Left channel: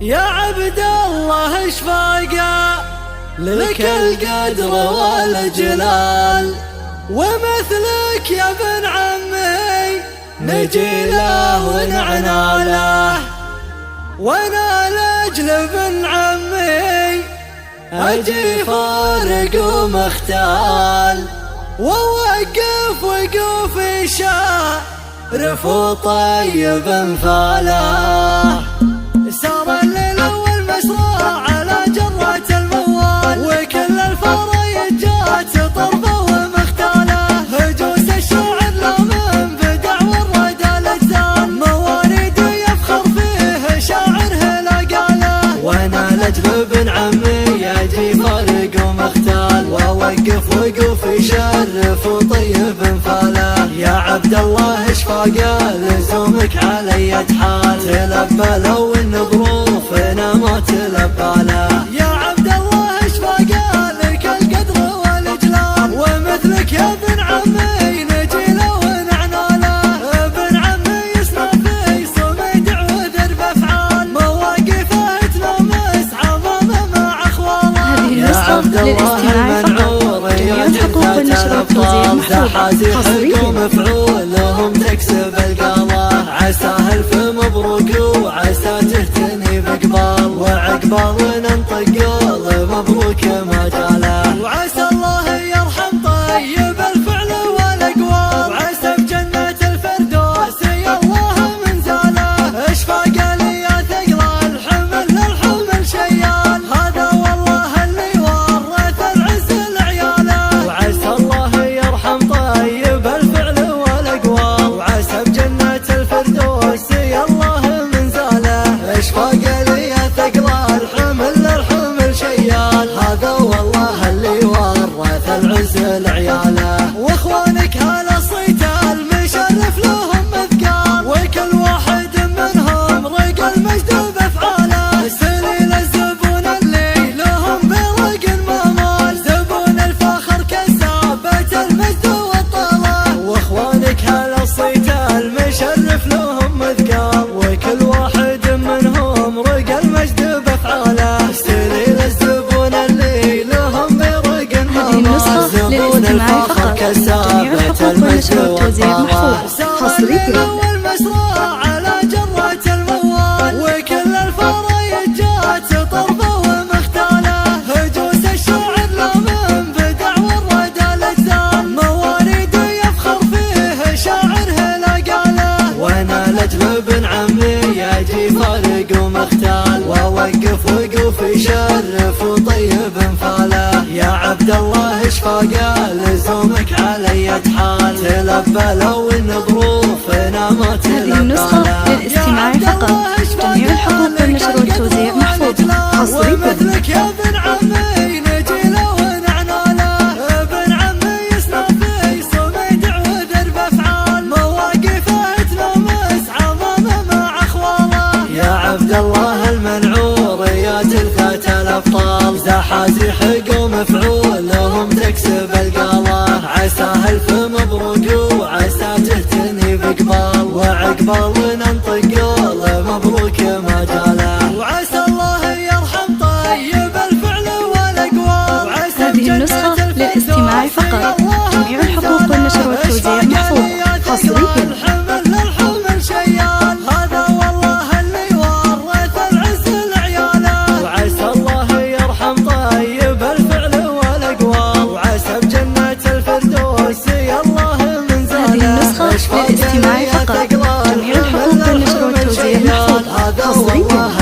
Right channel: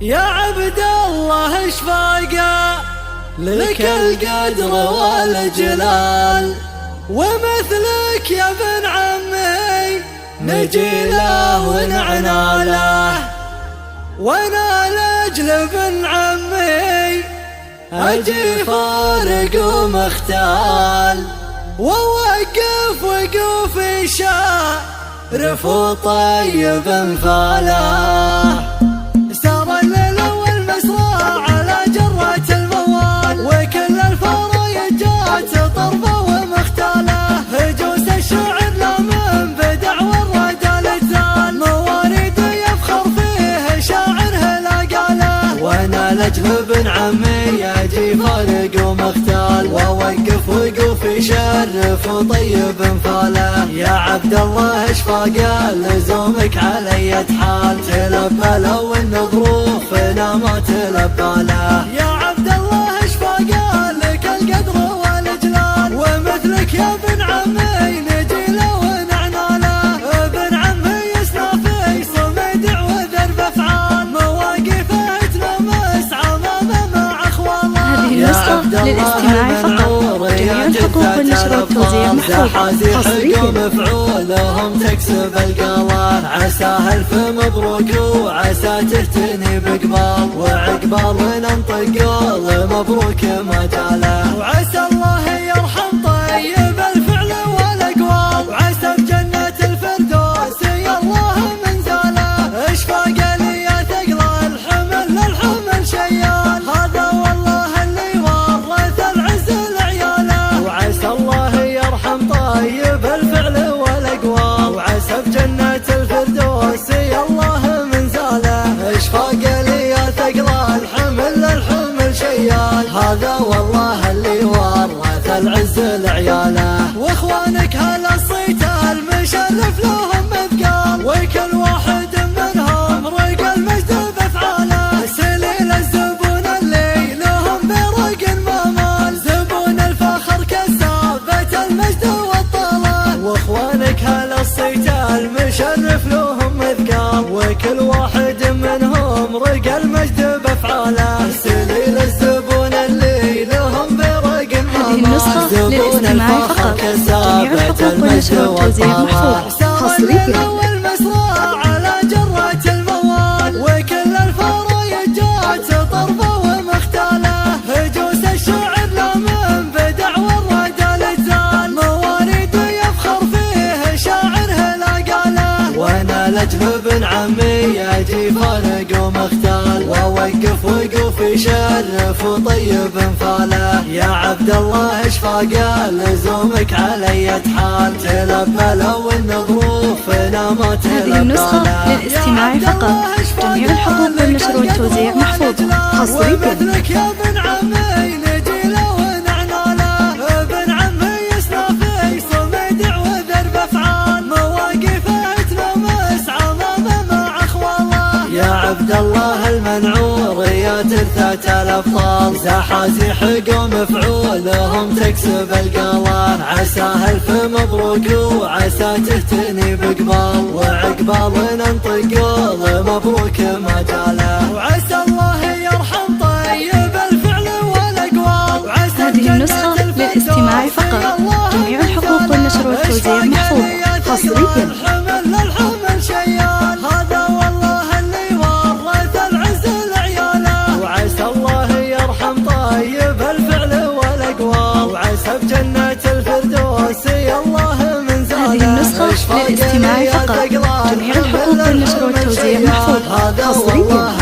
يا عبد الله اشفاقه لك القدر والجلال، ومثلك يا ابن عمي نجي له ونعنى له، وانا لاجل ابن عمي اجي فارق ومختال، ووقف وقوف شارف وطيب انفاله. سار الليل والمسرى على جرة الموال، وكل الفرايجات طربة ومختالة، هجوس الشاعر لا من بدع والردى لسان، مواليد يفخر فيه شاعرها لا قاله، وانا لاجل ابن عمي اجي فارق ومختال، ووقف وقوف يشرف وطيب انفاله. يا عبد الله اشفاقه لزومك علي حال، تلبى لو ان ظروفنا ما تلبى له. يا عبد الله اشفاقه لك القدر والجلال، ومثلك يا ابن عمي نجي له ونعنى له، ابن عمي يسنى في صميدع وذرب افعال، مواقفه تلمس عظمه مع اخواله. هذه النسخة للاستماع فقط، جميع الحقوق والنشر والتوزيع محفوظة حصريا. مفعولهم تكسب القمر، عساها الف مبروك وعسى تهتني بقبال، وعقبال ننطق قول مبروك ما جاله، وعسى الله يرحم طيب الفعل والاقوال، وعسى بجنة الفردوس يا الله منزاله. اشفاق لي يا ثقل الحمل للحمل شيال، هذا والله اللي ورث العز لعياله، وعسى الله يرحم طيب الفعل والاقوال، وعسى بجنة الفردوس يا الله منزاله. اشفاق لي يا ثقل الحمل للحمل شيال، هذا والله اللي ورث العز لعياله، واخوانك هلا الصيتان مشرف لهم اذكار، وكل واحد منهم ريق المجد بافعاله، سليل الزبون اللي لهم برق المامال، زبون الفخر كسابة المجد والطلال، واخوانك هلا الصيتان مشرف لهم اذكار، وكل واحد منهم ريق المجد بافعاله، سليل الزبون اللي لهم برق المامال. هذه النسخة للاستماع فقط، جميع الحقوق والنشر والتوزيع محفوظة حصريا. والمسرى على جرة الموال، وكل الفرايجات طربة ومختالة، هجوس الشاعر لا من بدع والردى لسان، مواليد يفخر فيه شاعرها لا قاله، وانا لاجل ابن عمي اجي فارق ومختال، ووقف وقوف يشرف وطيب انفاله. يا عبد الله اشفاقه لزومك علي حال، تلبى لو ان ظروفنا ما تلبى. هذه النسخة للاستماع فقط، جميع الحقوق والنشر والتوزيع محفوظة حصريا. مثلك يا ابن عمي نجي له ونعنى له، ابن عمي يسنى في صميدع وذرب افعال، مواقفه تلمس عظمه مع اخواله. يا عبد الله المنعور يا ترثة الابطال، زحازيح قوم مفعولهم تكسب القمر، عساها الف مبروك وعسى تهتني بقبال، وعقبال ننطق قول مبروك ما جاله، وعسى الله يرحم طيب الفعل والاقوال، وعسى هذه النسخة للاستماع فقط، جميع الحقوق والنشر والتوزيع محفوظة حصريا. الحمل للحمل شيال، هذا والله اللي ورث العز لعياله، وعسى الله يرحم طيب الفعل والاقوال، وعسى بجنة الفردوس يا الله منزاله. هذه النسخة للاستماع فقط، جميع الحقوق والنشر والتوزيع محفوظة حصريا.